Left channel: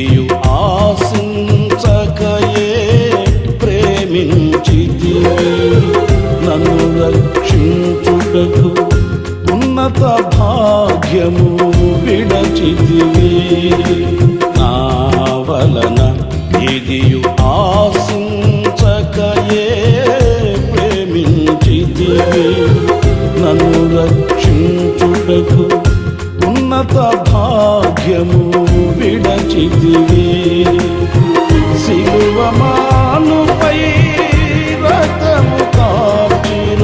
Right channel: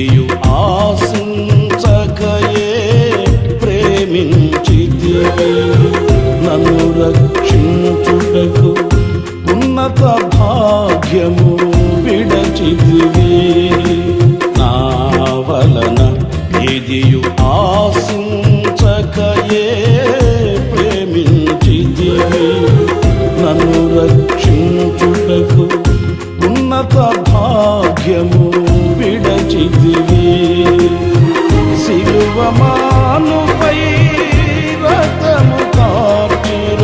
ఏదియు ఆశించకయే ప్రేమించితివి. నన్ను రక్షించుటకు ఉన్నత భాగ్యము విడచితివి. నా వలన ఏదియు ఆశించకయే ప్రేమించితివి. నన్ను రక్షించుటకు ఉన్నత భాగ్యము విడచితివి. సిలువ మానుపై రక్తము కార్చిన